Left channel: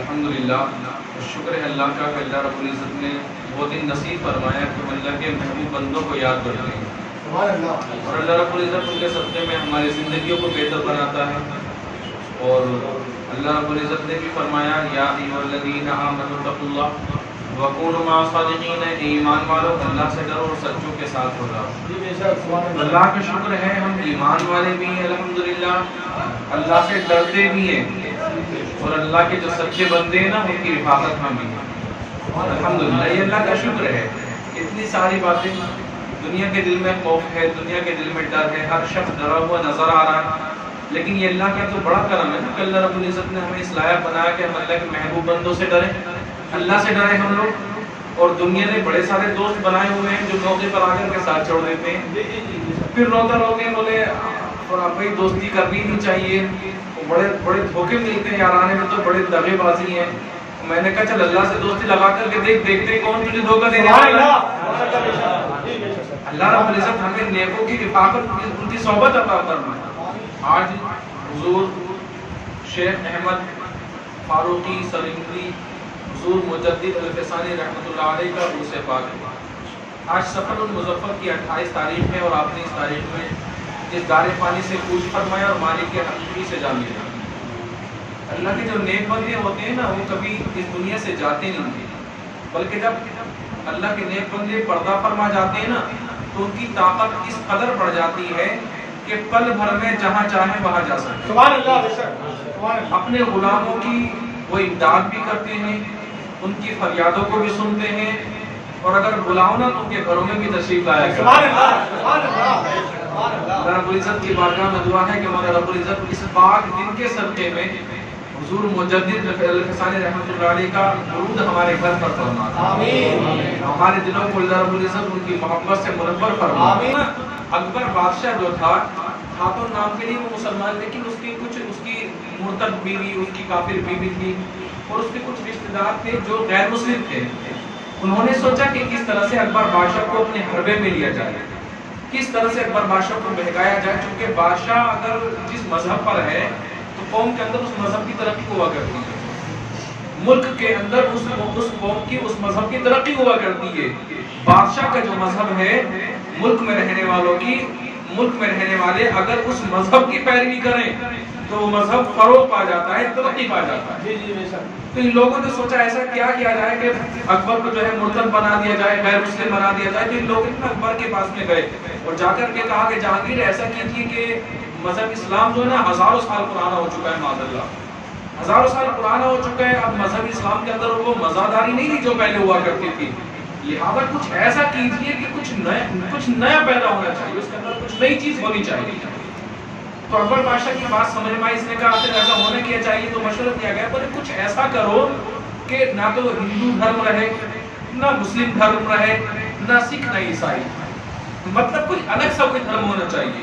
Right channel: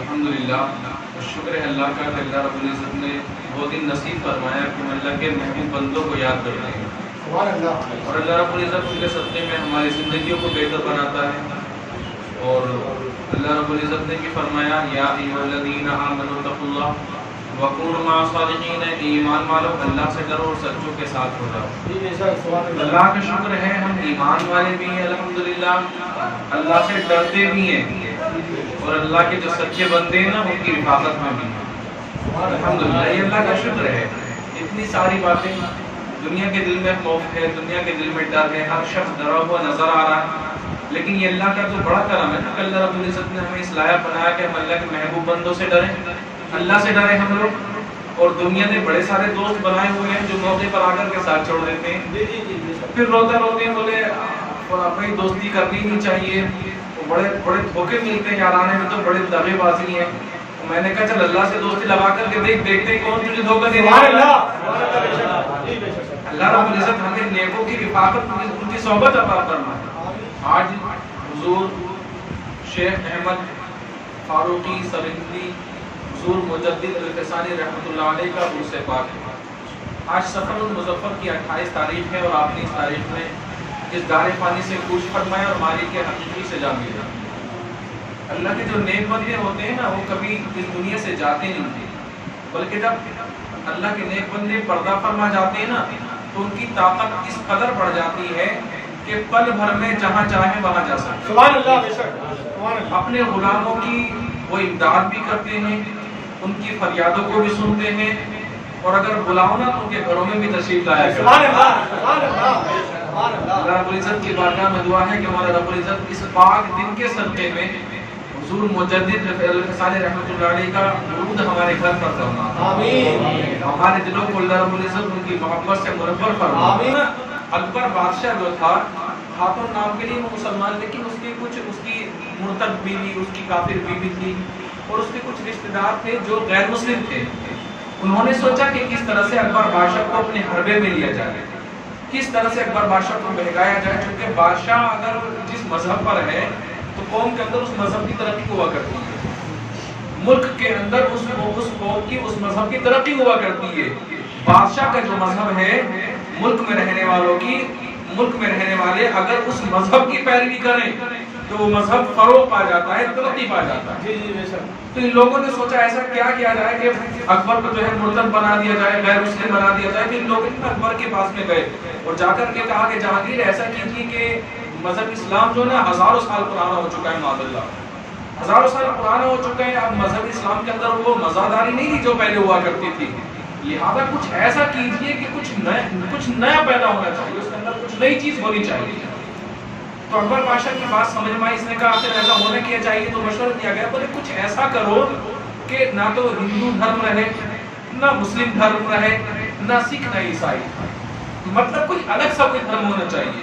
الحمدللہ، شکر ہے اللہ کا کہ اللہ رب العزت نے وہ دن نصیب فرمایا کہ ہم اللہ کے محبوب بندوں کو یاد کرتے ہیں، اور اللہ رب العزت ان کے صدقے میں ہماری زندگیوں کو بہتر بناتا ہے۔ اور اللہ رب العزت نے بھی فرمایا یا ایھا الذین آمنوا اتقوا اللہ وکونوا مع الصادقین، ایمان والو اللہ سے ڈرو اور سچوں کے ساتھ ہو جاؤ۔ اللہ کا شکر ہے ہم ایمان والے بھی ہیں الحمدللہ، اللہ سے ڈرتے بھی ہیں، اور اللہ کے جو سچے بندے ہیں نا ان کی حفاظت میں بھی الحمدللہ۔ یہ اللہ کا شکر ہے۔ اتنی ساری باتیں، دنیا کے دل میں خوف ہے، دنیا کے دل میں ڈر ہے، ہر شخص ڈرا ہوا نظر آ رہا ہے، لیکن یہ اللہ کا تو بڑا کرم ہے نا کہ اللہ رب العزت نے ہمیں اس لائق بنایا کہ ہم اللہ کے محبوب بندوں سے ڈریں، اللہ سے ڈریں ہم لوگ۔ اور دنیا نے بڑے سارے دوست بنائے ہوئے ہیں جو موقع پر آ کر کے ساتھ چھوڑ دیتے ہیں، پھر روتا روتے بولے اور بھائی دوستی کرنی نہیں چاہیے، بڑے بڑے دھوکے ملتے ہیں یارانے میں، تو بڑے دغے بازی ہیں۔ میں نے کہا چل اللہ سے دوستی لگا کر کے دیکھتے کون تجھے دھوکہ دینے والا ہے۔ اللہ رب العزت ہمیں نیکوں کی رفاقت، ان کی صحبت عطا فرمائے۔ آج حضور شیخ احمد فاروقی سرہندی حضور مجدد الفسانی رحمۃ اللہ علیہ کا عرس پاک ہے۔ آج سفر المظفر کی 28 تاریخ ہے، اور آپ نے اس تاریخ میں اس دار فانی سے کوچ فرمایا اور مالک کے حقیقی سے جا ملے۔ اللہ کے جو نیک بندے ہوتے ہیں نا وہ کبھی اس دنیا سے جاتے نہیں تھے، بلکہ جب اللہ کے نیک بندے پردہ فرما جاتے ہیں نا تو ان کی طاقت اس قدر بڑھ جاتی ہے کہ پل بھر میں جہاں چاہیں وہاں جا سکتے ہیں۔ سبحان اللہ۔ اپنے غلاموں کی وہ امداد بھی کرتے ہیں، ان کی فریادوں کو بھی سنتے ہیں، اور اگر بلاؤ نا تو ان کے گھروں میں بھی تشریف لایا کرتے ہیں۔ سبحان اللہ۔ اللہ رب العزت کی بارگاہ میں دعا ہے کہ مولا رب العزت اس پاک دن کے صدقے میں حضور مجدد الفسانی رحمۃ اللہ علیہ کا درود ہمارے گھر پر فرما، آمین۔ ہمارے دلوں کو اللہ رب العزت ان کی محبت سے منور فرما، آمین۔ اکبر بادشاہ جو تھا تو نام کے لیے وہ مسلمان، لیکن اس کی مرتد بیوی، اس کی کافر بیوی تھی، اور اس کے کچھ رشتہ دار تھے جو غیر مسلم تھے۔ انہوں نے سوچا کہ کس طرح سے اکبر بادشاہ کو اپنے حربے میں لیا جائے، کس طرح سے اکبر بادشاہ کو بہکایا جائے، چونکہ بادشاہ اگر جس مذہب پر ہے تو قوم کے اندر اس مذہب کی ترقی ہوا کرتی ہے، ملک کے اندر اس قوم کی اس مذہب کی ترقی ہوا کرتی ہے۔ بادشاہ کا جو مذہب ہے، ملک میں رہنے والے اگر اس مذہب کی پیروی کریں تو وہ مذہب فروغ پا جاتا ہے، ترقی پا جاتا ہے۔ تو ان لوگوں نے سوچا ایسا کیا کیا جائے کہ اکبر کو جو ہے مرتد بنا دیا جائے، غیر مسلم بنا دیا جائے۔ تو ان لوگوں نے اکبر کے پاس میں گئے اور جا کر کے کہا کہ جہانگیر ایسا کیجیے کہ مذہب اسلام جو ہے نا ہزاروں سال پرانا ہو چکا ہے، معاذ اللہ ہزاروں سال پرانا ہو چکا ہے، اب مذہب اسلام کے اندر وہ مزاداری نہیں تھی جو پہلے ہوا کرتی تھی، لہذا کچھ ایسا کیجیے کہ کچھ نیا پیدا ہونا چاہیے، اس کے اندر کچھ نئی چیز ہونی چاہیے۔ تو اکبر بادشاہ کی بات سمجھ میں آئی، اس نے کہا آخر ایسا ہونا کیا چاہیے، تو مشورہ کیا گیا بولے کچھ ایسا کرو کہ نہ تو ہندو دھرم رہے، نہ مسلم دھرم رہے، نہ سکھ نہ عیسائی، مطلب کوئی الگ سا کوئی دھرم ہونا چاہیے۔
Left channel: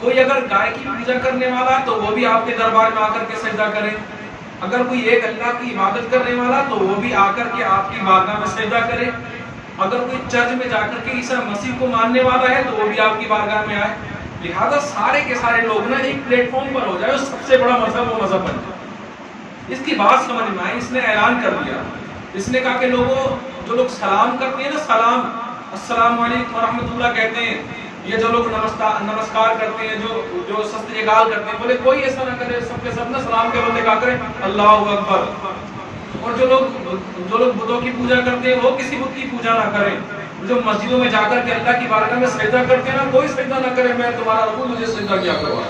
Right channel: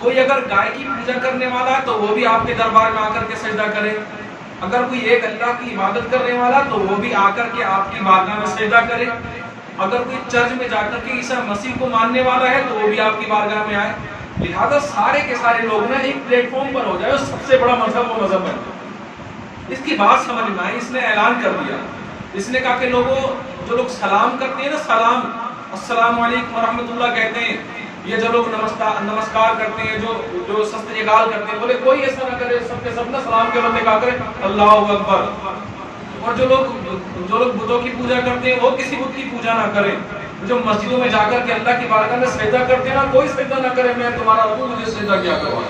کوئی اگر گائے کی پوجا کرنے والا ہے تو وہ بھی آپ کے دربار میں آ کر کے سجدہ کرے، اگر کوئی ایک اللہ کی عبادت کرنے والا تو وہ بھی آ کر کے آپ کی بارگاہ میں سجدہ کرے، اگر کوئی چرچ میں جا کر کے عیسیٰ مسیح کو ماننے والا ہے تو وہ بھی آپ کی بارگاہ میں آئے، لہذا سارے کے سارے لوگ نا ایک پلیٹ فارم پر ہو جائے، اور سب سے بڑا مذہب وہ مذہب بن جائے۔ اس کی بات سمجھ میں آئی، اس نے اعلان کر دیا، اس نے کہا کہ لوگوں جو لوگ سلام کرتے ہیں نا، سلام السلام علیکم ورحمۃ اللہ کہتے ہیں، یہ جو لوگ نمسکار کرتے ہیں، جو سستریکال کرتے ہیں، بولے کوئی ایسا نہ کرے، سب کے سب نا سلام کے بندے کہا کرے اللہ اکبر۔ اور جو لوگ بتوں کی پوجا کرتے ہیں وہ کسی بت کی پوجا نہ کریں، جو مسجدوں میں جا کر کے اللہ کی بارگاہ میں سجدہ کرتے ہیں نا، کوئی سجدہ نہ کرے، میں تمہارا رب ہوں، مجھے سجدہ کیا کروا۔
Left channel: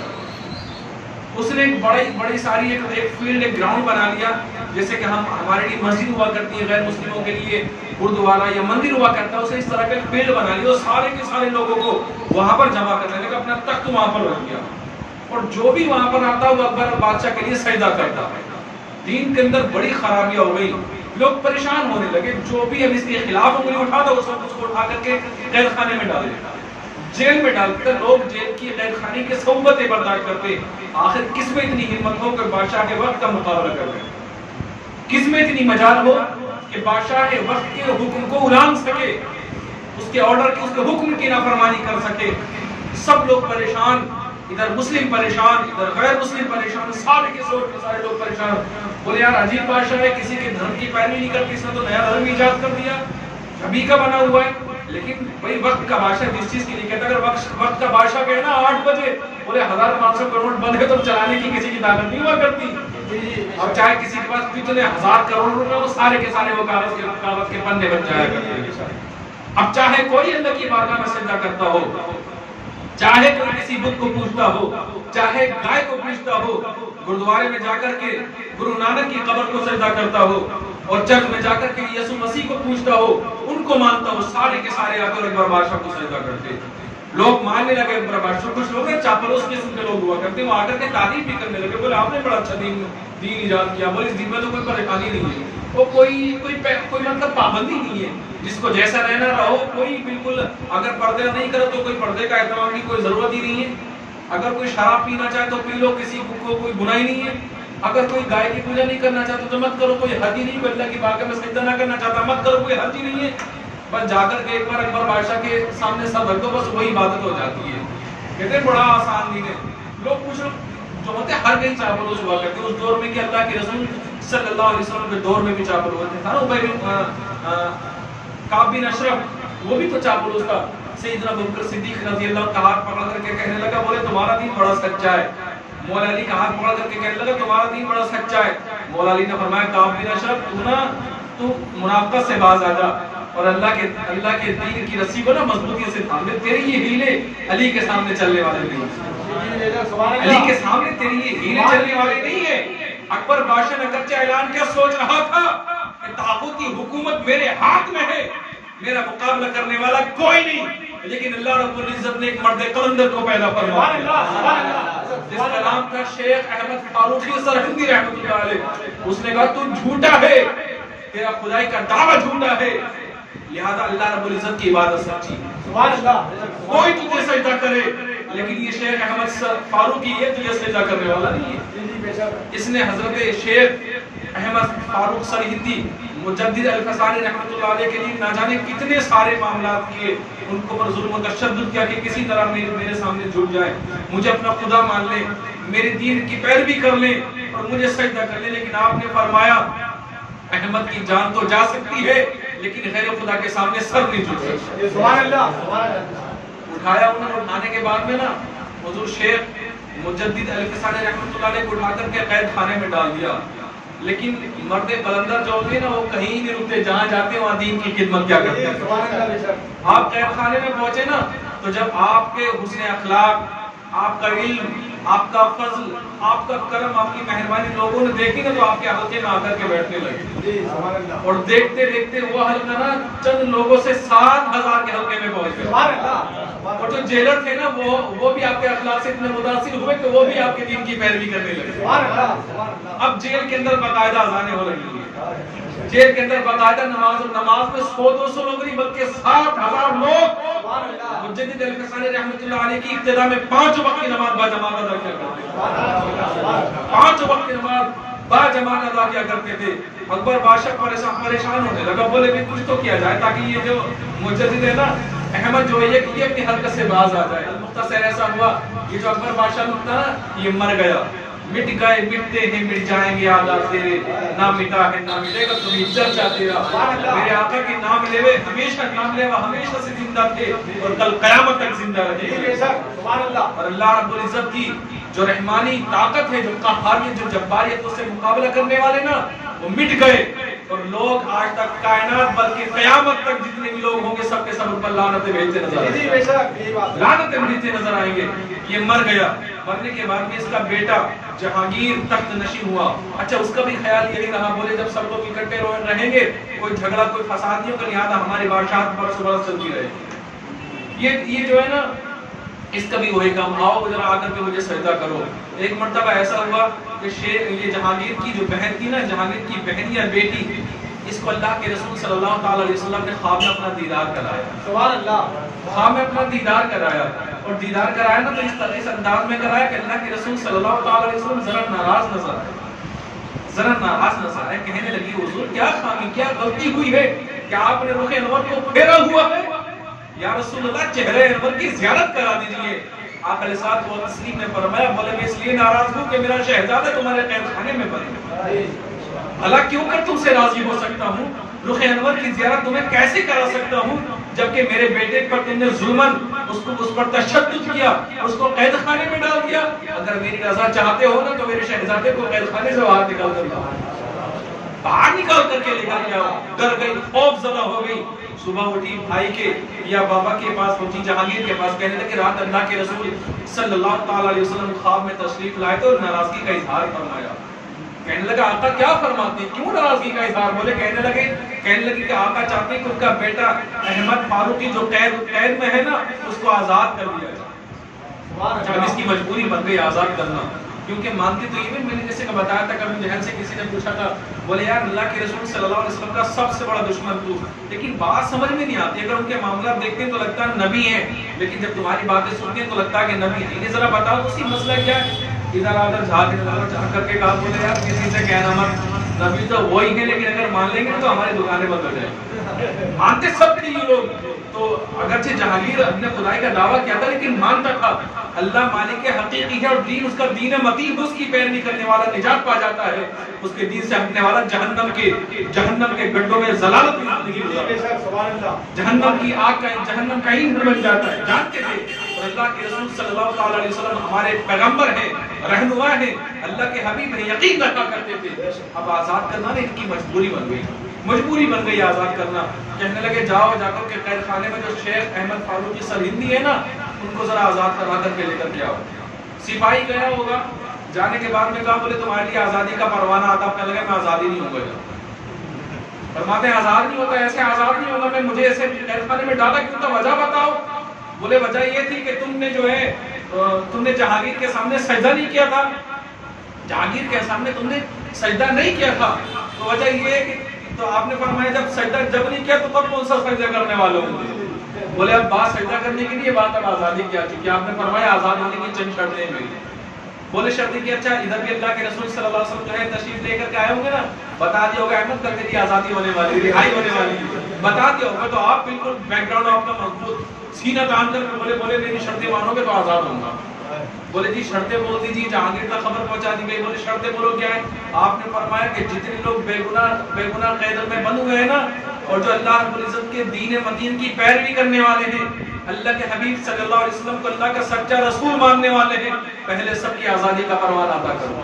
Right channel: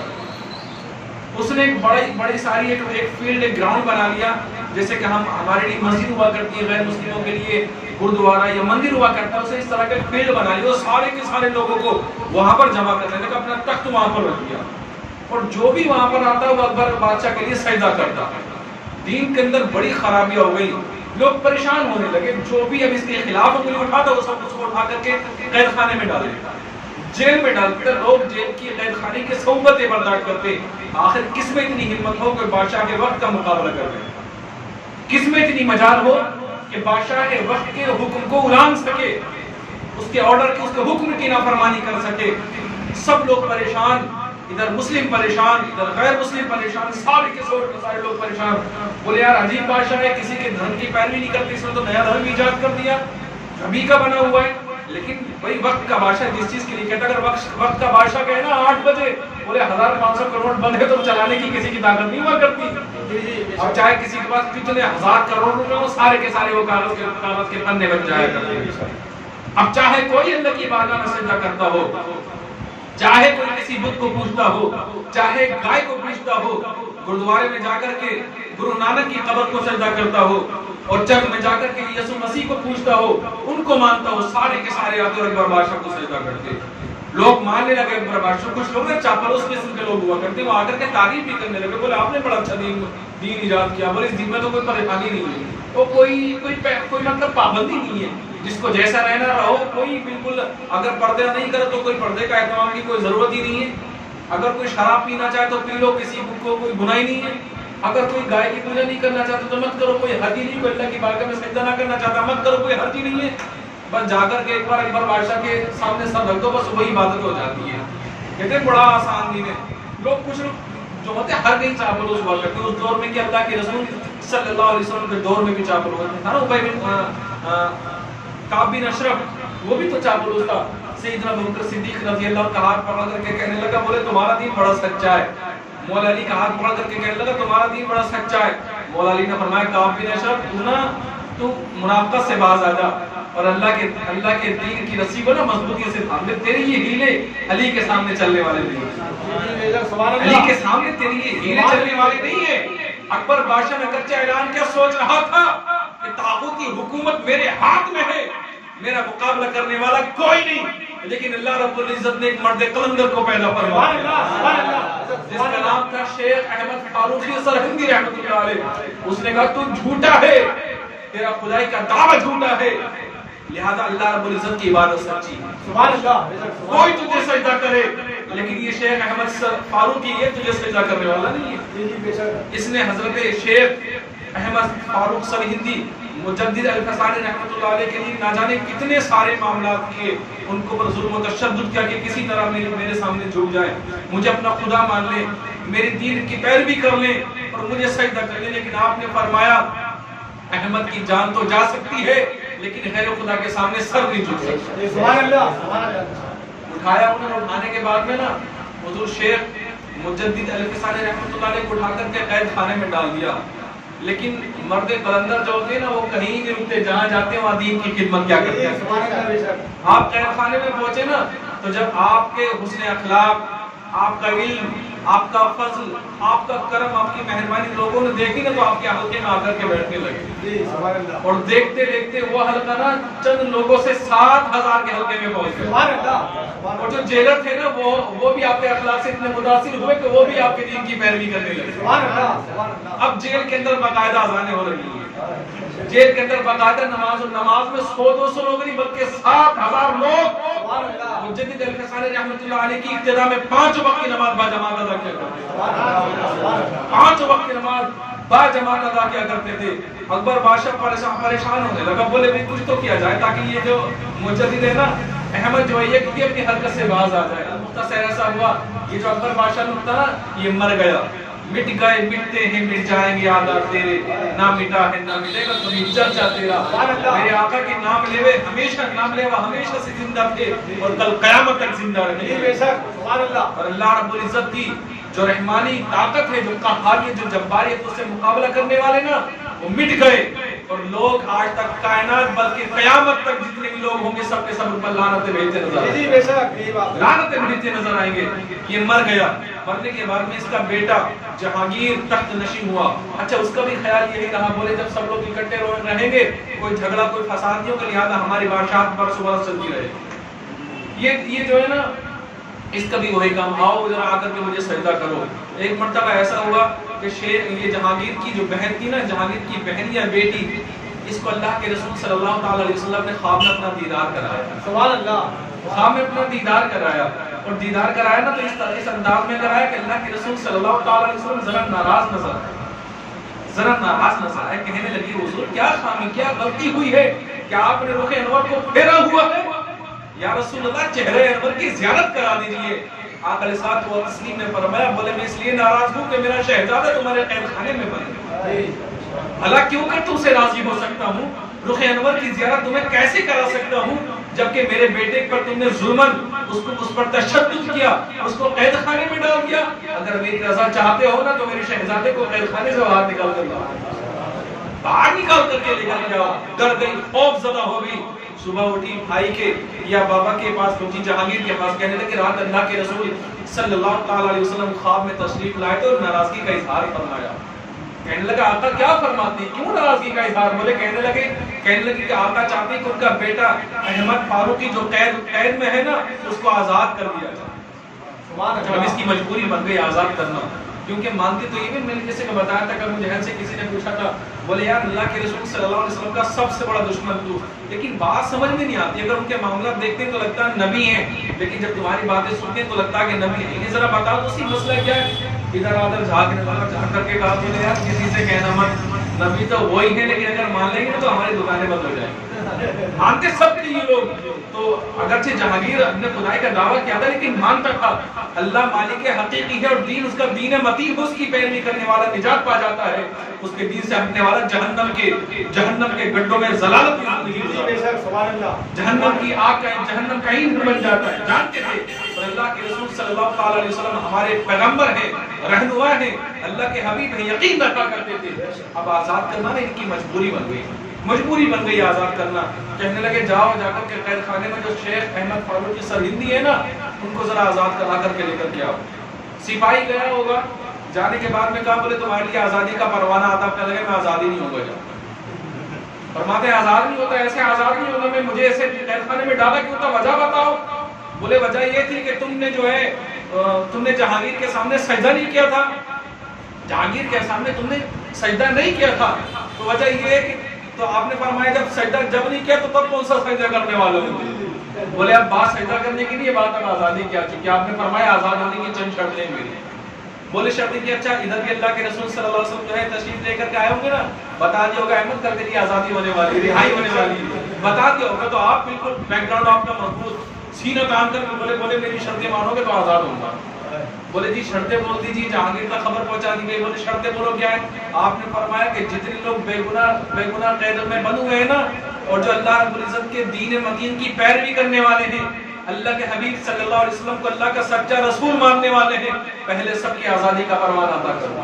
اس نے ایک بڑی ساری ایک فیلڈ، ایک گراؤنڈ بنا لیا، جیسے کہ ہمارے لیے مسجد ہوا کرتی ہے، غیر مسلموں کے لیے گردوارہ یا مندر ہوا کرتا ہے، اسے اس طرح کا ایک فیلڈ بنا لیا، اور سارے کے سارے لوگوں کو وہاں پر جمع کرنے لگا، اپنا تخت وہاں پر رکھ دیا، اور جو بھی وہاں پر آتا وہ اکبر بادشاہ کے لیے سجدہ کرتا۔ دین کے اندر بڑی خرابیاں ہو گئی، لوگ پریشان ہونے لگے، جو بھی اب اس کے خلاف انگلی اٹھاتا وہ سب اس کو اٹھا کر کے قید خانے میں ڈال دیتا، جیل میں ڈالتے، لوگ جیل کی قید خانے کی صحبتیں برداشت کرتے۔ آخر کس میں اتنی ہمت ہو کہ بادشاہ کے وقت کا مقابلہ کر لے، کس میں اتنی مجال ہو کہ بادشاہ کے وقت کے حکم کو اُلانگ سکے، اس کے آرڈر کی، اس کے حکم کی نافرمانی کر سکے۔ سب لوگ پریشان، ادھر مسلم پریشان، ادھر غیر مسلم پریشان، سارے کے سارے لوگ پریشان. بولے یار عجیب بادشاہ ہے، کسی کے دھرم کی پیروی نہیں کرتی، اس نے تو نیا دھرم ایجاد کر دیا، ابھی کا بنا ہوا ہے. لیکن بھائی وقت کا بادشاہ جس چیز کے لیے کہتا ہے، اگر وقت کا بادشاہ کہے نا 8 بجے، بولے 1500 کروڑ بند ہے تو چلانے کی کسی کی طاقت نہیں ہوا کرتی. اب چاہے کسی کے پاس کتنے 1000 کروڑ روپے ہو، سارے کے سارے وہ کاغذ کے پنے بن جایا کرتے ہیں. اب چاہے کوئی اللہ کی بارگاہ میں سجدہ کرتا ہو، چاہے کوئی کسی بت کو پوجتا ہو، چاہے گائے کو پوجتا ہو، گردوارے میں جا کر کے گرو نانک کی قبر کو سجدہ کرتا ہو، اور چرچ میں جا کر کے یسوع مسیح کو پوجتا ہو، ان کو مانتا ہو، سارے کے سارے آتے اور اکبر بادشاہ کو سجدہ کرتے. لوگ ماننے لگے اکبر بادشاہ. کچھ لوگ نا چاپلوس قسم کے لوگ ہوا کرتے، وہ آ کر کے تعریف بھی کرنے لگے، بولے آپ نے بڑا اچھا دین ایجاد کیا، بولے اس دین میں تو کوئی پریشانی نہیں ہے، وہ کوئی مطلب پابندی نہیں ہے، جس کو جیسا رہنا رہو. کوئی بالکل اگر پردہ نہیں کرے تو کوئی پردے کا اہتمام کی کوئی ضرورت ہی نہیں ہے. اگر کوئی شراب پینا چاہے تو پی لو، کسی کو کوئی گناہ نہیں ہے. اگر کوئی گائے کی پوجا نہیں کرنا چاہتا تو مت کرو، کوئی حرج نہیں. کوئی اللہ کی بارگاہ میں سجدہ نہ کرنا چاہتا مت کرو، کوئی حرج نہیں ہے. بس جا کر کے ایک بار اکبر بادشاہ کے سامنے سر رکھ دو، بس وہی عبادت ہو جاتی ہے. کہتے ہیں بڑا آسان دین ہے. لوگ کچھ لوگ جو ہوتے ہیں ہر کہیں چاپلوس ہوا کرتے ہیں. اس دور میں کہ اللہ کے رسول صلی اللہ علیہ وسلم کے دور میں بھی چاپلوس تھا نا. ابی بن کعب بن اشرف وہ بھی تو چاپلوس تھا. سیدنا ابوبکر صدیق رضی اللہ عنہ کا ہاتھ پکڑ کر کے کہنے لگا، بولے تمہارا دین بڑا سچا ہے. مولا علی کا ہاتھ پکڑ کر کے کہنے لگا تمہارا دین بڑا سچا ہے. مولا علی نے فرمایا کعب بن اشرف تو منافقت سے باز آ جا اور اللہ کے دین کی رسی کو نا مضبوطی سے تھام لے. تیرے یہ ہیلے علی کے سامنے چلنے والے نہیں، علی کے سامنے تیری یہ ہیلے چلنے والے نہیں ہیں. اکبر بادشاہ نے کچا اعلان کیا سوچ رہا تھا کہ طاغوتی حکومت میرے ہاتھ میں ہے، میرا مقابلہ کرنے والا کوئی نہیں. لیکن اللہ رب العزت نے ایک مرد قلندر کو پیدا فرمایا جس کا نام تھا شیخ احمد فاروقی سرہندی رحمۃ اللہ علیہ. اس نے کہا تو جھوٹا ہے، تیرا خدائی کا دعویٰ جھوٹا ہے، لہذا اللہ رب العزت کی عبادت سچی ہے. کوئی تجھے سجدہ کرے لیکن یہ شیخ احمد فاروقی یہ تجھے سجدہ کرنے والا نہیں ہے. اس نے حضرت شیخ احمد فاروق سرہندی مجدد الفسانی رحمۃ اللہ علیہ کے لیے نہ جانے کتنے سارے معاملات کیے، ان کو پر ظلم و تشدد کیا کہ کسی طرح میرے سامنے جھک جائے، مجھے اپنا خدا مان لیں، میرے دین کی پیروی کر لیں اور مجھے سجدہ کر لیں. لیکن آپ نے فرمایا احمد کی جان تو جا سکتی ہے لیکن غیر خدا کے سامنے سر نہیں جھک سکتا. سبحان اللہ. اٹھایا انہوں نے. اٹھانے کے بعد میں نا حضور شیخ مجدد الفسانی رحمۃ اللہ علیہ کو اٹھا کر کے قید خانے میں ڈال دیا. لیکن مرد قلندر جو ہوتے ہیں نا وہ کہیں نہیں رکتے، جہاں جاتے ہیں وہاں دین کی خدمت کیا کرتے ہیں. آپ قید خانے میں پہنچے نا تو جب آپ کے حسن اخلاق، آپ کا علم، آپ کا فضل، آپ کا کرم، آپ کی مہربانی لوگوں نے دیکھی نا تو آپ کے حلقے میں آ کر کے بیٹھنے لگے. اور دیکھتے دیکھتے وہ حلقہ نا چند لوگوں سے 7000 کے حلقے میں پہنچ گئے. اور جو جیلر تھے نا وہ بھی آپ کے اخلاق سے اتنے متاثر ہوئے کہ وہ بھی آپ کے دین کی پیروی کرنے لگے. اب جیل کے اندر باقاعدہ اذانیں ہو رہی ہیں، جیل کے اندر باقاعدہ نماز میں 100-200 لوگ نہیں بلکہ 7000 لوگ مجدد الفسانی رحمۃ اللہ علیہ کی ابتدا میں 5 وقت کی نماز باجماعت ادا کیا کرتے تھے. 5 وقت کی نماز باجماعت ادا کیا کرتے تھے. اکبر بادشاہ پریشان ہونے لگا، بولے بھی کچھ تو کیا جائے تاکہ یہ جو مجدد ہے نا احمد جو ہے یہ اپنی حرکت سے باز آ جائے. مختصر ایسا ہوا یہ جو اکبر بادشاہ تھا نا یہ مر گیا. مٹ گئے مٹتے ہیں مٹ جائیں گے یادات تیرے، نہ مٹا ہے نہ مٹے گا کبھی چرچا تیرا. میرے آقا کے نام لیوے ہمیشہ نام لیوا ہمیشہ سے زندہ تھے اور کل قیامت تک زندہ رہے. اور اللہ رب العزت کی جو رحمانی طاقت ہے، جو قہاریت، جو جباریت، اس سے مقابلہ کرنے والے نا وہ مٹ گئے. اور لوگ آج تک کائنات بلکہ قیامت تک جتنے بھی لوگ ہوں گے سب کے سب پر لعنتیں بھیجتے نظر آئیں گے، لعنتیں بھیجتے نظر آئیں گے. یہ مر گیا. مرنے کے بعد میں اس کا بیٹا جہانگیر تخت نشین ہوا. اچھا اس کا بھی خیال یہی رہا، بولے جب سب لوگ اکٹھے رہیں گے کوئی جھگڑا کوئی فساد نہیں ہوگا، لہٰذا ہماری بادشاہت برسوں برس چلتی رہے. یہ جو ہے نا اس کا بھی وہی کام، آؤ ذرا آ کر کے مجھے سجدہ کرو. ایک مرتبہ ایسا ہوا کہ یہ جہانگیر کی جو بہن تھی نا، جہانگیر کی بہن یا بیٹی، اس کو اللہ کے رسول صلی اللہ تعالی علیہ وسلم نے خواب میں اپنا دیدار کرایا. سبحان اللہ. خواب میں اپنا دیدار کرایا اور دیدار کرایا نا تو اس انداز میں کرایا کہ اللہ کے رسول صلی اللہ تعالی علیہ وسلم ذرا ناراض نظر آئے. کہنے لگی حضور کیا خامی کیا غلطی ہوئی ہے کہ آپ نے رخ انور کو پھیرا ہوا ہے؟ یا رسول اللہ چہرہ انور کی زیارت کرا دیجئے. آقا علیہ الصلوۃ والتسلیم نے فرمایا بولے میں اس لیے ناراض ہوں کہ میرا شہزادہ تمہارے قید خانے میں بند ہے، بھلا کیوں کر تم سے راضی ہو سکتا ہوں، رخ انور کی زیارت تمہیں کیسے کرا سکتا ہوں جبکہ میرے بیٹے پر تم نے ظلمن اس پر تشدد کیا، اس کو قید خانے میں ڈال دیا، اگر میری رضا چاہتے ہو نا تو میرے شہزادے کو قید خانے سے باہر نکال کر لاؤ، باہر نکال کر کے لے کر کے آؤ۔ ڈر گئی، خوف زدہ ہو گئی، صبح اٹھی بھائی کے یا بابا کے پاس پہنچی، جہانگیر کے پاس، کہنے لگے رات اللہ کے رسول صلی اللہ تعالی علیہ وسلم خواب میں تشریف لائے تو ناراضگی کا اظہار فرمایا۔ کہنے لگا آقا کیا فرماتے ہیں، کیوں ناراضگی کا اظہار؟ بولے کہنے لگے کہ آقا چاہتے ہیں کہ ان کا بیٹا احمد فاروقی جو قید میں ہے نا اس کو آزاد کر دیا جائے۔ اب اس کی مجبوری بن گئی آزاد کرنا، کیونکہ مانتے تو یہ بھی، میں نے جیسے کہ بتایا تھا کہ جہل سے کسی نے پوچھا تھا، بولے یار اللہ کے رسول صلی اللہ علیہ وسلم کا سب سے بڑا دشمن تو، لیکن بات سمجھ میں نہیں آتی، اگر ان کے معاملات دیکھتے ہیں تو لگتا ہے نبی ہیں، لیکن جب تمہاری باتیں سنتے ہیں تو لگتا ہے کہ نبی نہیں۔ انہیں ذرا بتاؤ تو اسی مسئلہ کیا ہے؟ ادھر ادھر جھانکنے لگا، جھانک کر کے کہا بولے یار کسی سے کہنا مت، نبی تو وہی ہے لیکن اگر مان لیں گے تو ہماری دکانیں بند ہو جائیں گی۔ مانتے سب تھے یہ لوگ، تو اگرچہ جہانگیر اپنے خدائی کا دعویٰ کیا تھا لیکن مانتا تھا اللہ مالک حقیقی ہے اور دین اس کا دین متین، اس کی پیروی کرنے والا نجات پا جاتا ہے، اس کے دین سے ہٹنے والا جہنم کے گڈھوں میں ضلالت کی زندگی گزارتا ہے، جہنم کی آگ کا جہنم کا ایندھن بن جاتا ہے۔ جانتے تھے اور اللہ کے رسول صلی اللہ تعالی علیہ وسلم ہمارے پیغمبر ہیں، رہنما ہیں، اللہ کے حبیب ہیں، یقین رکھا کرتے تھے۔ اب آزاد کرنا نا ان کی مجبوری بن گئی آزاد کرنا۔ کہنے لگے جاؤ جا کر کے قید خانے میں جو شیخ احمد فاروقی سرہندی ہے نا ان کو ذرا آزاد کرا کر کے لے کر کے آؤ۔ سپاہی گیا ہوگا، جانے کے بعد میں کہا بولے تمہارے لیے آزادی کا پروانہ آتا، کہنے لگے میں آزادی نہیں ہوں گا۔ فرماتے ہیں آزاد نہیں ہوتا، ایسے آزاد نہیں ہوتا، میں مجھے ایسے قید خانے میں ڈالا کیوں تھا، وجہ بتاؤ۔ بولے وجہ یہ تھی کہ تم نے جہانگیر کے سامنے سجدہ نہیں کیا تھا، جہانگیر کے سامنے تم نے سجدہ نہیں کیا تھا، تو وجہ یہ ہے کہ تو آپ نے فرمایا جب سجدہ جب نہیں کیا تو تب کون سا سجدہ کرنے والوں نے؟ بولے اب بات سجدہ کرنے کے لیے بات اب آزادی کی آ چکی، آپ نے فرمایا آزاد ہونے کی چند شرطیں ہیں میری۔ بولے شرطیں کی اچھا ادھر بھی اللہ کے رسول صلی اللہ علیہ وسلم جو ہے تشریف لے کر کے آئے ہوں گے نا، بتا دیا ہوگا احمد کل تیری آزادی ہونے والی، رہائی ہونے والی، بتا دیا ہوگا، تو آپ بالکل بیک گراؤنڈ آپ کا مضبوط سینہ تان کر کے بولے میری شرطیں مانو گے تو آزاد ہوں گا۔ بولے جی شرطیں بول دیجیے، جہانگیر تک خبر پہنچا دی گئی۔ بولے شرطیں بولو کیا ہے؟ آپ نے فرمایا کہ جتنے لوگ بے گناہ قید میں بند ہوئے ہیں نا اور جو اللہ رب العزت کے دین متین کی پیروی کرنے والے ہیں، اللہ کے حبیب صلی اللہ علیہ وسلم کو اللہ کا سچا رسول ماننے والے ہیں، پہلے سب کی آزادی کا پروانہ عطا کرو،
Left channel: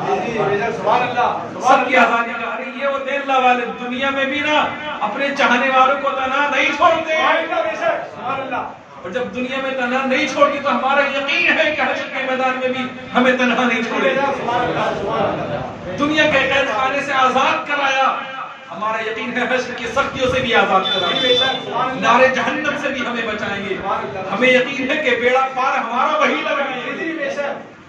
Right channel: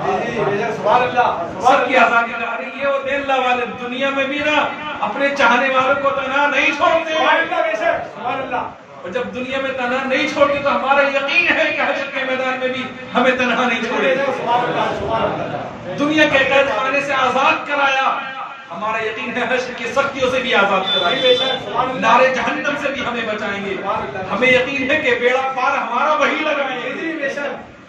سب کی آزادی کا۔ ارے یہ ہوتے اللہ والے دنیا میں بھی نا اپنے چاہنے والوں کو تنہا نہیں چھوڑتے، اور جب دنیا میں تنہا نہیں چھوڑتی تو ہمارا یقین ہے کہ حشر کے میدان میں بھی ہمیں تنہا نہیں چھوڑے گا۔ دنیا کے قید خانے سے آزاد کرایا، ہمارا یقین ہے حشر کی سختیوں سے بھی آزاد کرائیں گے، نارے جہنم سے بھی ہمیں بچائیں گے۔ ہمیں یقین ہے کہ بیڑا پار ہمارا وہی لگائیں گے۔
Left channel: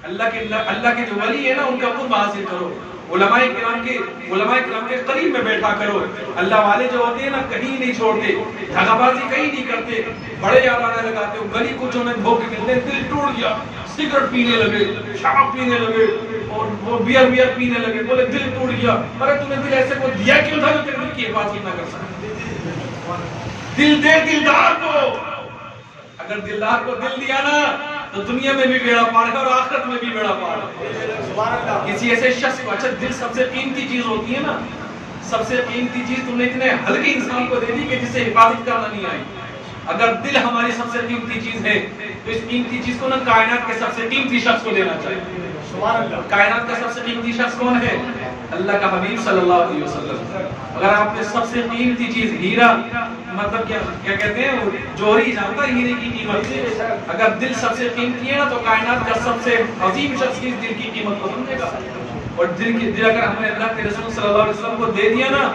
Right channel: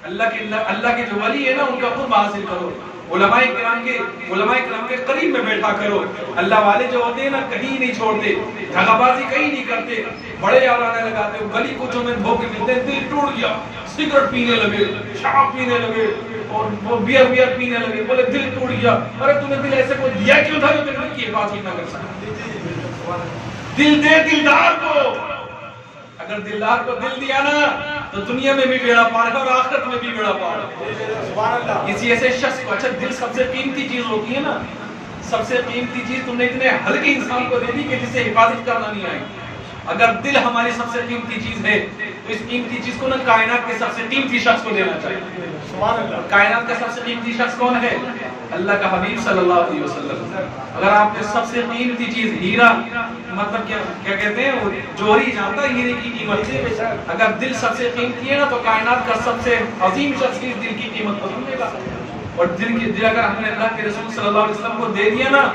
اللہ کے جو ولی ہے نا ان کا قرب حاصل کرو، علماء کرام کے قریب میں بیٹھا کرو۔ اللہ والے جو ہوتے ہیں نا کہیں نہیں چھوڑتے، دھاگا بازی کہیں نہیں کرتے، بڑے یارانے لگاتے ہو، گلی کوچوں میں دھوکے ملتے ہیں، دل ٹوٹ گیا، سگریٹ پینے لگے، شراب پینے لگے اور وہ بیئر پینے لگے، بولے دل ٹوٹ گیا۔ ارے تم نے دل ایسے کو دیا کیوں تھا جو تیرے دل کی حفاظت نہ کر سکتا؟ دل دے دلدار کو، اگر دلدار کو دل دیا نا تو دنیا میں بھی بیڑا پار ہے اور آخرت میں بھی بیڑا پار ہے۔ کسی ایسے شخص کو، اچھا دل سب سے قیمتی چیز ہوتی ہے نا، سب سے قیمتی چیز تم نے اتنے ہلکے انسان کو دے دی کہ جسے حفاظت کرنا نہیں آئی۔ اگر دل ہماری سب سے قیمتی چیز ہے تو اس قیمتی چیز کو نا کائنات کے سب سے قیمتی شخص کو دینا چاہیے۔ کائنات کا سب سے قیمتی شخص کون ہے؟ اللہ کا حبیب صلی اللہ علیہ وسلم۔ اگر آپ نے سب سے قیمتی چیز ہیرا، مطلب کیا کہتے ہیں وہ جوہری جانتا ہے ہیرے کی قیمت، اگر دل سب سے قیمتی ہے نا تو کائنات کا سب سے عظیم شخص کی دل کی قیمت کو سمجھے گا۔ اور دل اگر ہم نے اللہ کے رسول صلی اللہ علیہ وسلم کو دے دیا نا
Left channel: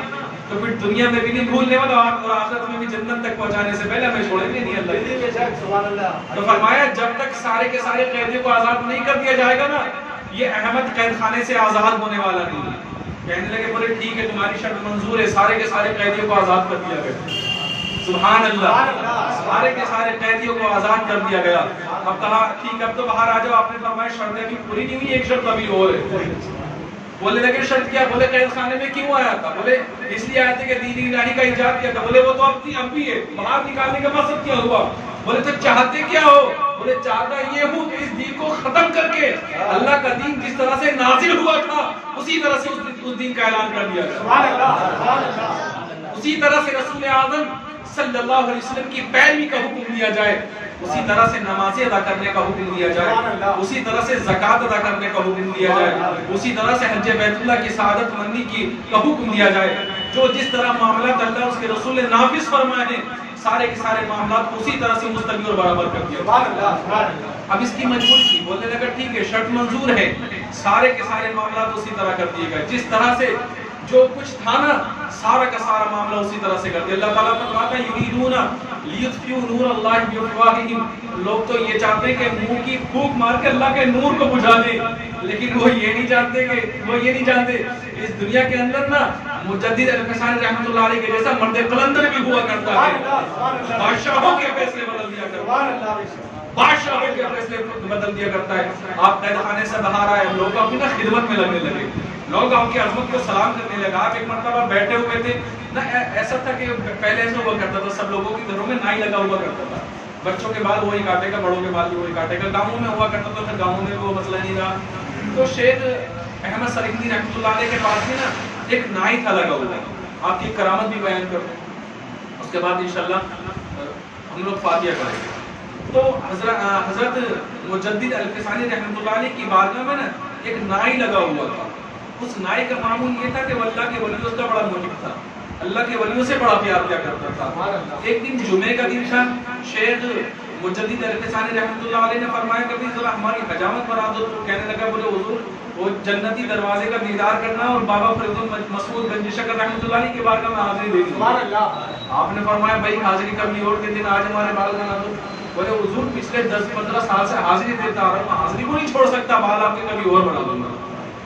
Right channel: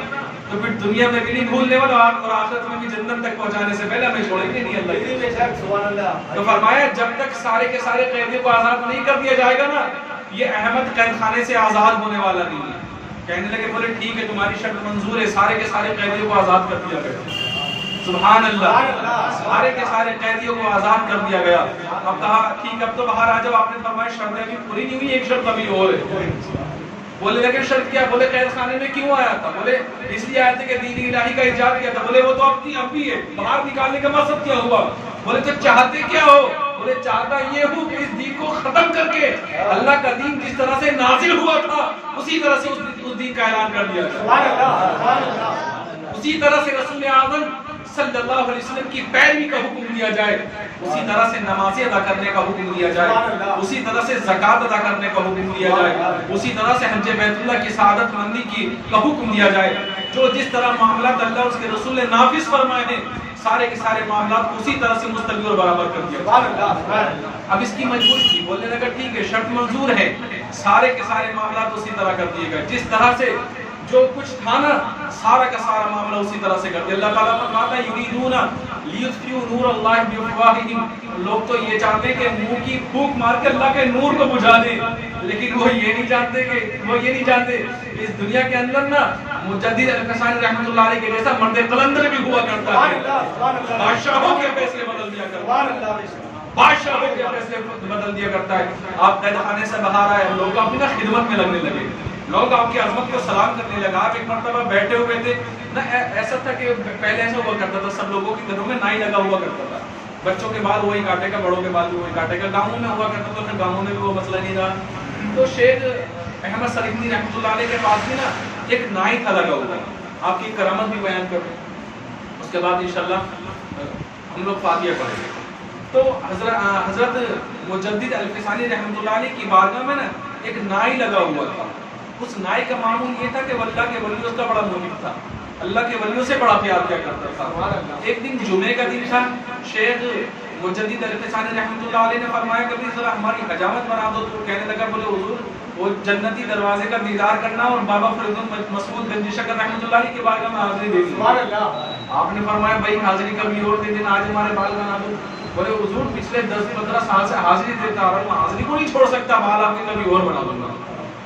تو پھر دنیا میں بھی نہیں بھولنے والا اور آخرت میں بھی جنت تک پہنچانے سے پہلے ہمیں چھوڑیں گے نہیں اللہ۔ تو فرمایا جب تک سارے کے سارے قیدیوں کو آزاد نہیں کر دیا جائے گا نا یہ احمد قید خانے سے آزاد ہونے والا نہیں ہے۔ کہنے لگے بولے ٹھیک ہے تمہاری شرط منظور ہے، سارے کے سارے قیدیوں کو آزاد کر دیا گیا۔ سبحان اللہ، سارے کے سارے قیدیوں کو آزاد کر دیا گیا۔ اب کہا ٹھیک اب تو باہر آ جاؤ، آپ نے فرمایا شرطیں ابھی پوری نہیں ہوئی، ایک شرط ابھی اور ہے۔ بولے لیکن شرط کیا؟ بولے قید خانے میں کیوں آیا تھا؟ بولے اس لیے آئے تھے کہ دین الہی کا ایجاد کیا تھا۔ بولے وہ تو اب بھی ہے، باہر نکالنے کا مقصد کیا ہوا؟ بولے تو چاہتے کیا ہو؟ بولے چاہتا یہ ہوں کہ اس دین کو ختم کر کے اللہ کا دین جس طرح سے نازل ہوا تھا اسی طرح سے اس دین کا اعلان کر دیا جائے، اسی طرح سے رسول اعظم صلی اللہ علیہ وسلم کی پیروی کا حکم دیا جائے، اسی طرح سے نمازیں ادا کرنے کا حکم دیا جائے، اسی طرح سے زکوٰۃ ادا کرنے کا حکم دیا جائے، اسی طرح سے حج بیت اللہ کی سعادت مندی کا حکم دیا جائے۔ جو جس طرح معاملات اللہ اور اس کے رسول نے نافذ فرمائے ہیں سارے کے سارے معاملات کو اسی طرح سے مستوی اور برابر کر دیا۔ اب اس کی مجبوری تھی، بولنے لگا ٹھیک ہے شرط منظور ہے، سارے کے سارے معاملات اسی طرح کر دیے گئے، جس طرح سے جو کچھ تھا نا سارا کا سارا معاملہ اسی طرح سے کر دیا۔ اللہ تعالیٰ فرماتا ہے یریدون لیطفئوا نور اللہ بافواہہم، لوگ تو یہ چاہتے ہیں کہ منہ کی پھونک مار کے اللہ کے نور کو بجھا دیں، لیکن وہ یہ نہیں جانتے کہ اس دنیا کے اندر نا مجدد الفسانی رحمۃ اللہ علیہ کے جیسا مرد قلندر بھی ہوا کرتا ہے، بادشاہوں کے فیصلے بدل دیا کرتا ہے، بادشاہوں کے فیصلے بدل دیا کرتا ہے۔ آپ قید خانے سے باہر آئے، لوگ اپنی نا خدمت میں لگنے لگے، لوگ آپ کی عظمت کو سلام کرنے لگا۔ آپ ایک مرتبہ بیٹھے ہوئے تھے نا، ایسا تھا کہ پہلے ایسا ہوا کرتا تھا سب لوگوں کے گھروں میں نائی لگا ہوا کرتا تھا، بچوں کے بال وہی کاٹے گا، بڑوں کے بال بھی وہی کاٹے گا، گاؤں میں ہوا کرتا تھا، پھر گاؤں میں بھی وہ مسئلہ نہیں رہا۔ تو شیخ احمد سرکندی رحمۃ اللہ علیہ کے پاس بھی نا ایک نائی تھا لگا ہوا، آپ کی کرامت بھی بیان کروں، اس کے بعد انشاءاللہ ہم لوگ فاتحہ کریں گے۔ تو حضرت مجدد الفسانی رحمۃ اللہ علیہ کی بارگاہ میں نا ایک نائی لگا ہوا تھا۔ اس نائی کا معمول یہ تھا کہ وہ اللہ کے ولیوں کا بڑا محب تھا، اللہ کے ولیوں سے بڑا پیار کیا کرتا تھا۔ ایک دن جمعے کا دن تھا، شیخ مجدد الفسانی رحمۃ اللہ علیہ نے فرمایا کہ ذرا ہماری حجامت بنا دو، تو کہنے لگا بولے حضور وہ جنتی دروازے کا دیدار کرنا اور بابا فرید مسعود گنج شکر رحمۃ اللہ علیہ کی بارگاہ میں حاضری دینی۔ آپ نے فرمایا بھائی حاضری کبھی اور دے دینا، آج ہمارے بال بنا دو۔ بولے حضور پچھلے 10-15 سال سے حاضری دیتا آ رہا ہوں، حاضری کو نہیں چھوڑ سکتا، بال آپ کے کبھی اور بنا دوں گا،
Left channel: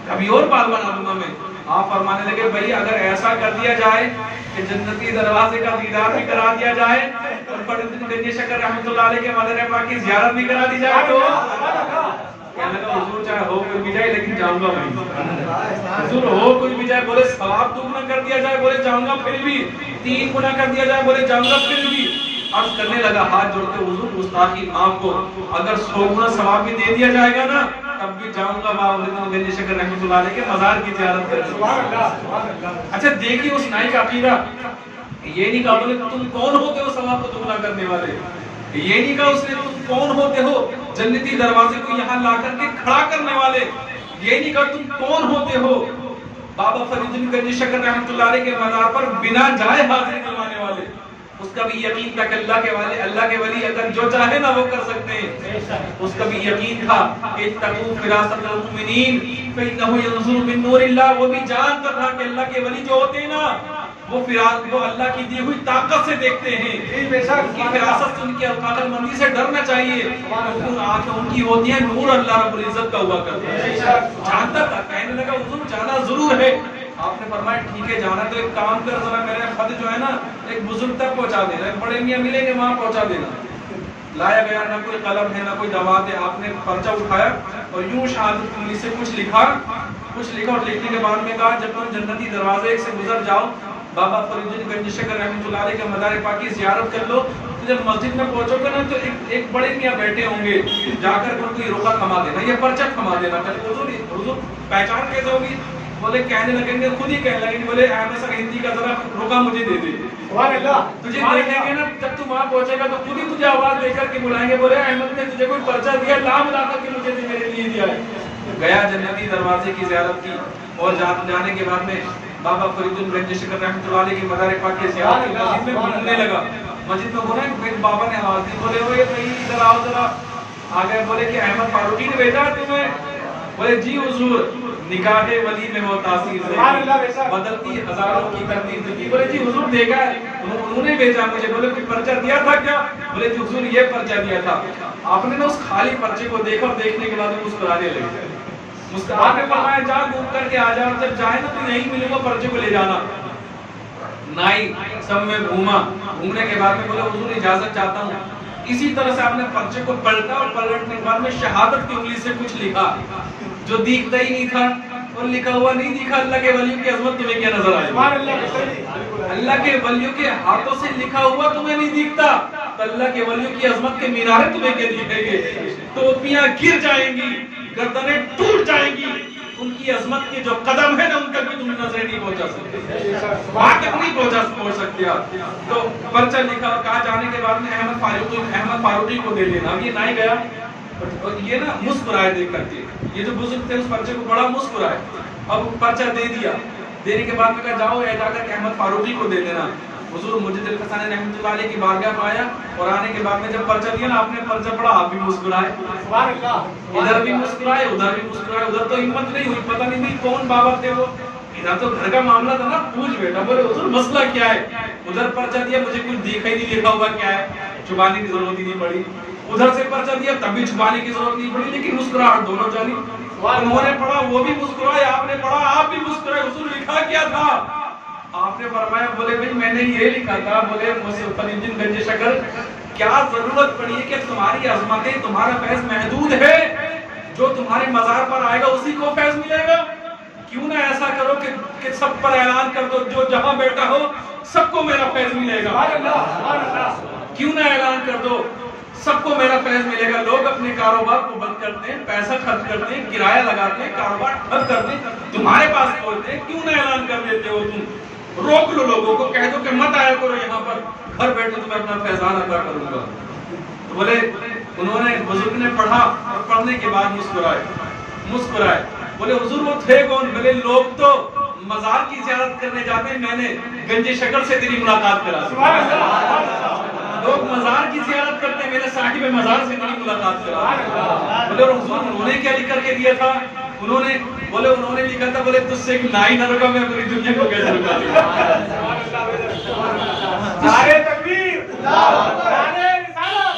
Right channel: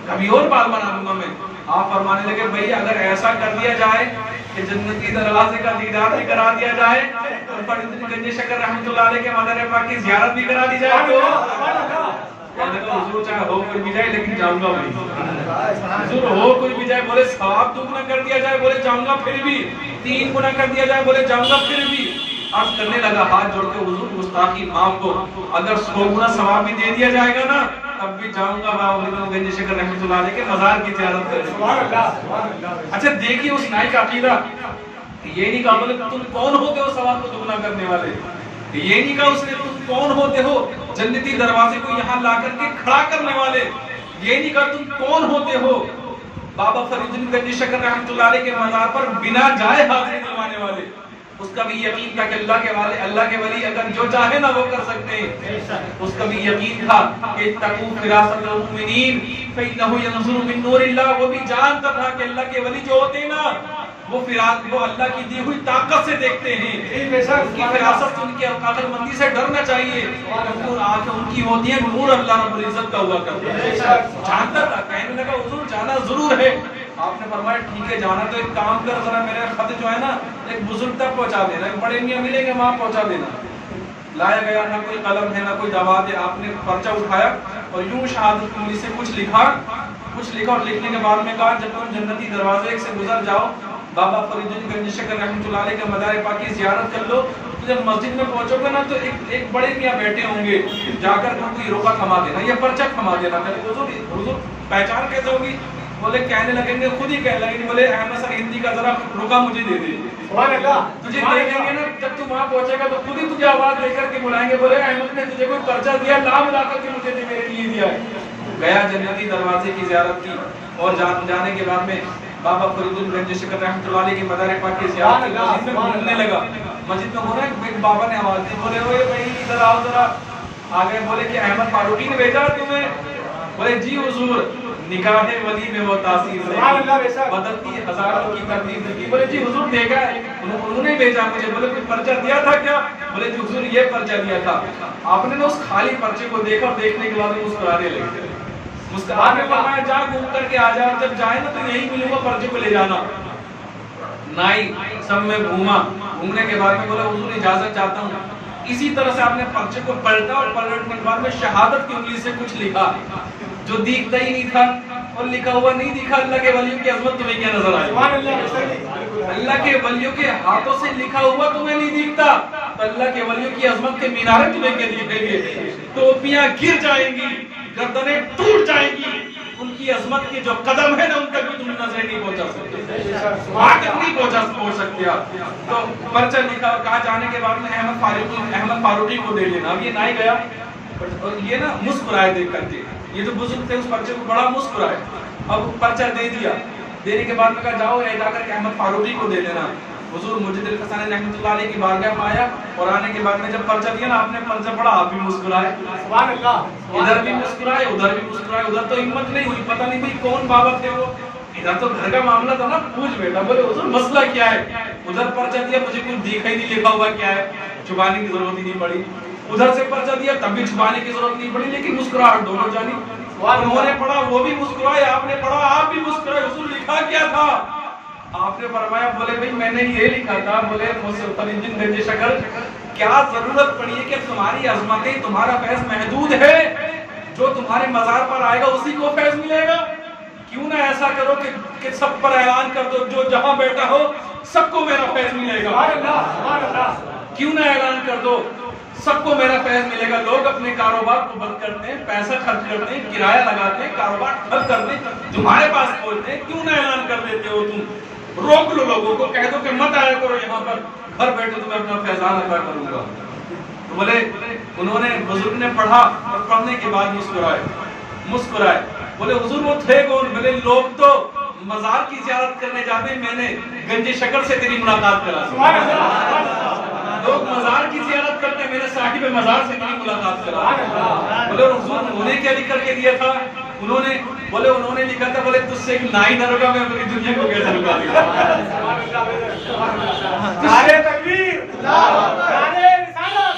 کبھی اور بال بنا دوں گا میں۔ آپ فرمانے لگے بھائی اگر ایسا کر دیا جائے کہ جنتی دروازے کا دیدار بھی کرا دیا جائے اور فرید گنج شکر رحمۃ اللہ علیہ کے مدر پاک کی زیارت بھی کرا دی جائے تو کہنے لگا حضور چاہے ہو کوئی بھی جائے لیکن جاؤں گا وہیں، حضور ہو کوئی بھی جائے، بولے ثواب دگنا کر دیا جائے، بولے جاؤں گا پھر بھی، 3 گنا کر دیا جائے، بولے جاؤں گا پھر بھی۔ عرض کرنے لگا ہاتھ جوڑ کے حضور گستاخی معاف کو، اگر 100 گنا ثواب بھی دے دیا جائے گا نا تب بھی جاؤں گا بابا فرید گنج شکر رحمۃ اللہ علیہ کے مزار کی زیارت کرنے۔ اچھا دیکھیے اس نائی کا عقیدہ، یہ نہیں کہا بولے تم کون ہوتے ہو ثواب کو دگنا کرنے والے، یہ نہیں کہا اس نے تم کون ہوتے ہو جنتی دروازے کو یہاں لا کر کے کھڑا کرنے والے، یہ نہیں کہا تم کون ہوتے ہو بابا فرید گنج شکر رحمۃ اللہ علیہ کے مزار پر بنا جائے حاضری دلوانے والے۔ اس کا بھی یقین تھا کہ اللہ کے ولی اگر جو چاہے نا وہ کر سکتے ہیں، اس کا بھی یقین تھا کہ اتقوا فراست المؤمنین فإنه ينظر من نور اللہ، وہ بھی جانتا تھا کہ اللہ کے ولی جو ہوتے ہیں نا وہ اللہ کی دی ہوئی طاقت سے دیکھتے ہیں، ان کی فراست ان کی عقل مندی سے ڈرنا چاہیے، ان آنکھیں ان کی ہوتی ہیں نور اللہ رب العزت کا ہوا کرتا ہے۔ جانتا تھا، کہنے لگا حضور جانا ضرور ہے۔ آپ نے فرمایا ٹھیک ہے جانا تو ایک کام کر، ذرا میرا خط جو ہے نا ایک بزرگ تک پہنچا دینا، ایک بڑے میاں ملیں گے وہاں پہنچا دینا۔ لایا گیا، نہ کوئی قلم ہے نہ کوئی دوات ہے، آپ نے پرچہ اٹھایا اور یوں شہادت کی انگلی سے کچھ لکھا اور لکھنے کے بعد میں کہا جب تم جنتی دروازے ایک سے گزر جاؤ بابا فرید گنج شکر رحمۃ اللہ علیہ کے مزار پاک کی زیارت کر لو، تو جب مسجد میں پہنچو گے نا تو ایک بڑے میاں بیٹھے ہوں گے، جا کر ان کو یہ روکا تھما دینا، یہ پرچہ تھما دینا۔ حضور پہچان کیسے ہوگی؟ بولے کہنے لگیں گے، خود ہی کہنے لگیں گے، بولے احمد سرکندی کا ذرا روکا مجھے دے دے، تجھے دیکھیں گے نا جب تم وہاں پہنچے گا تو خود ہی تجھے آواز دے کر کے بلائیں گے، بولے احمد نے تجھے کوئی پرچہ دیا، لا ملا کر کے مجھے میرے لیے دیا ہے۔ گیا جنتی دروازے کی زیارت کی اور جانے کے بعد میں بابا فرید گنج شکر رحمۃ اللہ علیہ کے مزار پاک کی زیارت کی، مسجد میں گھومنے لگا، مسجد میں گھوما، ایک بابا نے آواز دی، بولے اوے بھائی ادھر آؤ ذرا، آ گئے، بولے کہ احمد فاروقی نے بھیجا تمہیں؟ بولے جی حضور، نکاح ولی میں وہ تاثیر سے بدلتی ہزاروں کی تقدیر کی۔ بولے جی حضور دیکھا ہے، انہوں نے بھیجا مجھے۔ بولے کوئی پرچہ دیا تھا کیا؟ بولے جی حضور یہ پرچہ دیا تھا۔ آپ نے اس خالی پرچے کو دیکھا اور دیکھنے کے بعد مسکرانے لگے، مسکرا کے فرمایا جا گھوم کر کے آ جا، جب جائے نا تو یہیں ملوں گا، پرچے کو لے جانا۔ نائی سب میں گھومنے کے بعد میں بولے حضور اجازت چاہتا ہوں۔ اسی طرح سے آپ نے پرچے کو پلٹا اور پلٹنے کے بعد میں شہادت کی انگلی سے کچھ لکھا جو دیکھتا ہی نہیں تھا اور لکھا ہوا نہیں دکھا۔ اللہ کے ولیوں کی عظمت تمہیں کیا نظر آئی؟ اللہ کے ولیوں کے ہاتھوں سے لکھا ہوا تمہیں نہیں دکھتا، تو اللہ کے ولیوں کی عظمت کے میناریں تمہیں کے دکھیں گے، ٹوپیاں گر جائیں گی، گردنیں ٹوٹ جائیں گی، ان کی عظمت کے جو قدم ہے نا ان تک بھی تم نظریں نہیں پہنچا سکتے، وہاں تک نہیں پہنچ سکتے آپ۔ تو پرچہ لکھا اور کہا جانے کے بعد میں احمد فاروقی کو دے دینا۔ اب یہ نہ ہی گیا، اور یہ نا مسکرائے دیکھ کر کے، یہ جو بزرگ تھے اس پرچے کو بڑا مسکرائے۔ اب پرچہ دے دیا، دینے کے بعد میں کہا جاؤ جا کر کے احمد فاروقی کو دے دینا۔ حضور مجد الفسانی رحمۃ اللہ علیہ کی بارگاہ میں آیا اور آنے کے بعد میں جب پرچہ دیا نا، آپ نے پرچہ پڑھا، آپ بھی مسکرائے، سبحان اللہ، ادھر بھی مسکرائے ادھر بھی مسکرائے۔ ادھر تو ہمت نہیں ہوئی، پتہ نہیں بھی کون بابا تھے وہ، ادھر تو گھر کا معاملہ تھا نا، پوچھ بیٹا، بولے حضور مسئلہ کیا ہے؟ ادھر پرچہ دیا، مجھے کچھ دیکھا ہی نہیں، لکھا ہوا کیا ہے، چھپانے کی ضرورت ہی نہیں پڑی۔ ادھر سے پرچہ دیا، تب بھی چھپانے کی ضرورت نہیں پڑی، لیکن مسکراہٹ دونوں جانی۔ انہوں نے پڑھا وہ بھی مسکرائے، آپ نے پڑھا آپ بھی مسکرائے۔ حضور لکھا کیا تھا؟ آپ نے فرمایا، بولے بھائی میں نے یہ لکھا تھا، بولے فری الدین گنج شکر، کیا ضرورت پڑی ہے کہ تمہاری عظمتیں، تمہارا فیض محدود ہے، جو تمہارے مزار پر آئے گا اسی کو فیض ملے گا؟ کیوں نہ ایسا کرو کہ سب پر اعلان کر دو، جو جہاں بیٹھا ہو سب کو میرا فیض ملے گا۔ کیوں نہ اعلان کر دو سب کو میرا فیض ملے گا۔ لوگ اپنے کاروبار کو بند کرتے ہیں، پیسہ خرچ کرتے ہیں، کرایہ لگاتے ہیں، کاروبار ٹھپ کرتے ہیں، تمہارے پاس پہنچتے ہیں، کیوں نہ اعلان کر دیتے ہو تم؟ روک لو لوگوں کو، کہہ دو کہ مت آیا کرو یہاں پر، گھر بیٹھے تمہیں اپنا فیضان عطا کروں گا۔ تو بولے انہوں نے، بزرگ نے پڑھا اور پڑھنے کے بعد مسکرائے۔ بولے حضور وہ تھے کون؟ بولے لوگ تو مزار کی زیارت کرنے جاتے ہیں، میں نے گنج شکر سے تیری ملاقات کرا دی۔ لوگ مزار کی زیارت کرتے ہیں، میرے صاحب مزار سے تیری ملاقات کرا دی۔ بولے حضور انہوں نے کیا لکھ کر کے دیا تھا؟ انہوں نے لکھا تھا، بولے تجھ سے ایک نائی نہ رکا، میں پوری دنیا کو کیسے رکا دوں؟ نعرہ تکبیر، نعرہ رسالت،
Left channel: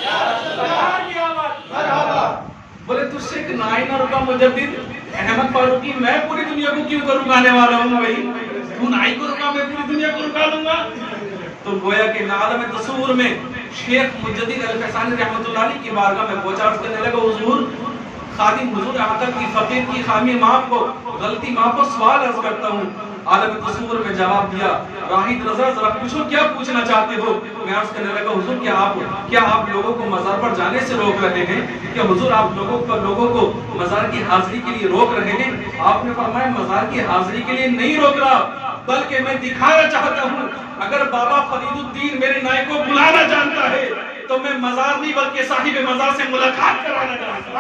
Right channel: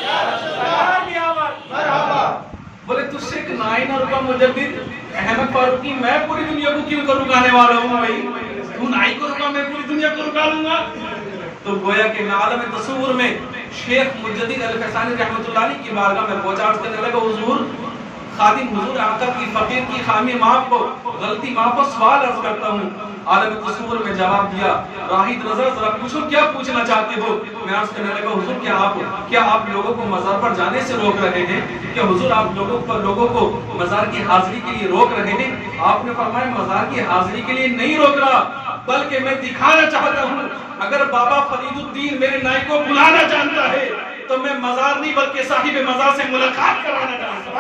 بولے تجھ سے ایک نائی نہ رکا مجدد احمد فاروقی، میں پوری دنیا کو کیوں کر رکانے والا ہوں بھائی؟ تو نائی کو رکا، میں پوری دنیا کو رکا لوں گا۔ تو گویا کہ عالم تصور میں شیخ مجدد الفسانی رحمۃ اللہ علیہ کی بارگاہ میں پہنچا، عرض کرنے لگا حضور خادم حضور آقا کی فقیر کی خامی معاف ہو، غلطی معاف ہو، سوال عرض کرتا ہوں۔ عالم تصور میں جواب دیا، راہید رضا ذرا پوچھو کیا پوچھنا چاہتے ہو؟ میں عرض کرنے لگا حضور کیا آپ لوگوں کو مزار پر جانے سے روک رہے ہیں؟ کیا حضور آپ لوگوں کو مزار کی حاضری کے لیے روک رہے ہیں؟ آپ نے فرمایا مزار کی حاضری کے لیے نہیں روک رہا، بلکہ میں دکھانا چاہتا ہوں اگر بابا فرید الدین میرے نائی کو بلانا جانتا ہے تو میں مزار نہیں بلکہ صاحب مزار سے ملاقات کرانا چاہتا ہوں۔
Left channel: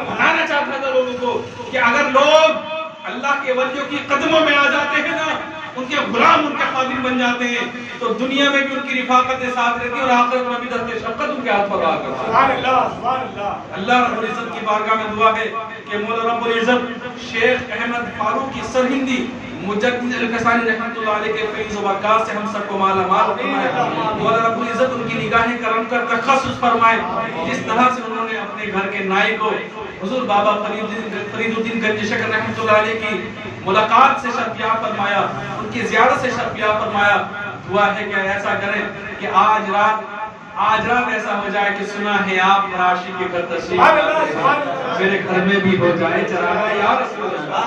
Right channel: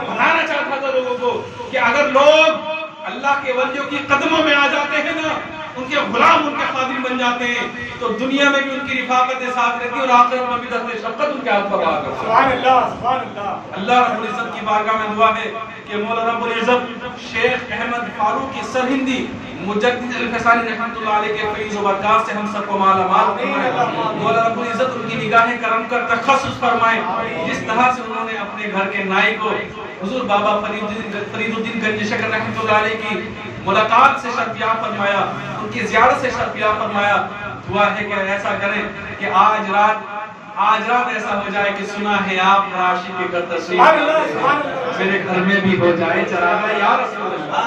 بتانا چاہتا تھا لوگوں کو کہ اگر لوگ اللہ کے ولیوں کی قدموں میں آ جاتے ہیں نا، ان کے غلام ان کے خادم بن جاتے ہیں، تو دنیا میں بھی ان کی رفاقت ساتھ رہتی ہے اور آخرت میں بھی دست شفقت ان کے ہاتھ پر رہا کرتا ہے۔ اللہ رب العزت کی بارگاہ میں دعا ہے کہ مولا رب العزت شیخ احمد فاروقی سرہندی مجدد الفسانی رحمۃ اللہ علیہ کے فیض و برکات سے ہم سب کو مالا مال فرمائے۔ مولا رب العزت ان کی نگاہیں کرم کر تخصص فرمائے، جس طرح سے انہوں نے اپنے گھر کے نائی کو حضور بابا فرید الدین گنج شکر رحمۃ اللہ علیہ کی ملاقات سے شرفیاب فرمایا، ان کی زیارت سے شرفیاب فرمایا۔ دعا ہے کہ ایسا کریں کہ آج رات ایسا ہو جائے کہ سنا ہے آپ فراشی کے گھر تشریف میرے گھر میں بھی ہو جائے چراغا یا رسول اللہ،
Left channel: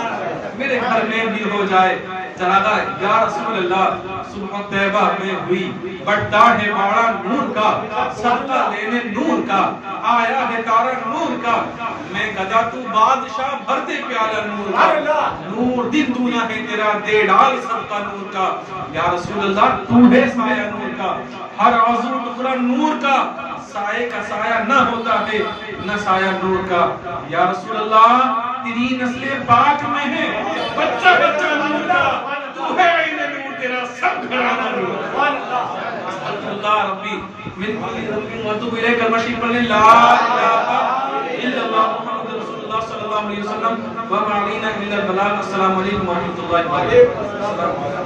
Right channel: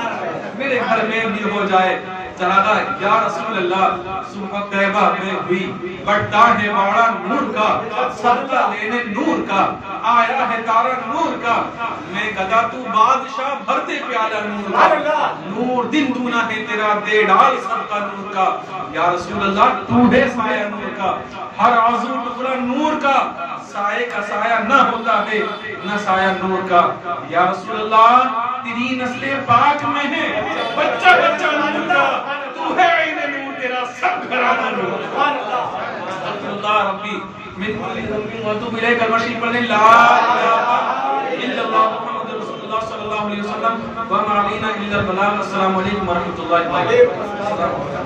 میرے گھر میں بھی ہو جائے چراغا یا رسول اللہ۔ صبح طیبہ میں ہوئی بڑھتا ہے باڑا نور کا، صدقہ لینے نور کا آیا ہے تارا نور کا، میں گدا تو بادشاہ بھر دے پیالہ نور کا، نور دن دونا ہے تیرا دے ڈال صدقہ نور کا، یا رسول اللہ تو ہے سایہ نور کا، ہر عضو ٹکڑا نور کا، سائے کا سایہ نہ ہوتا ہے نہ سایہ نور کا، یا رسول اللہ تیری نسل پاک میں ہے بچہ بچہ نور کا، تو ہے عین نور تیرا سب گھرانہ نور کا۔ استغفر اللہ ربی من کل ذنب واتوب الیہ، کلمہ شریف پڑھنے لا الہ الا اللہ محمد رسول اللہ صلی اللہ علیہ وسلم وما علینا الا البلاغ۔ السلام علیکم ورحمۃ اللہ وبرکاتہ۔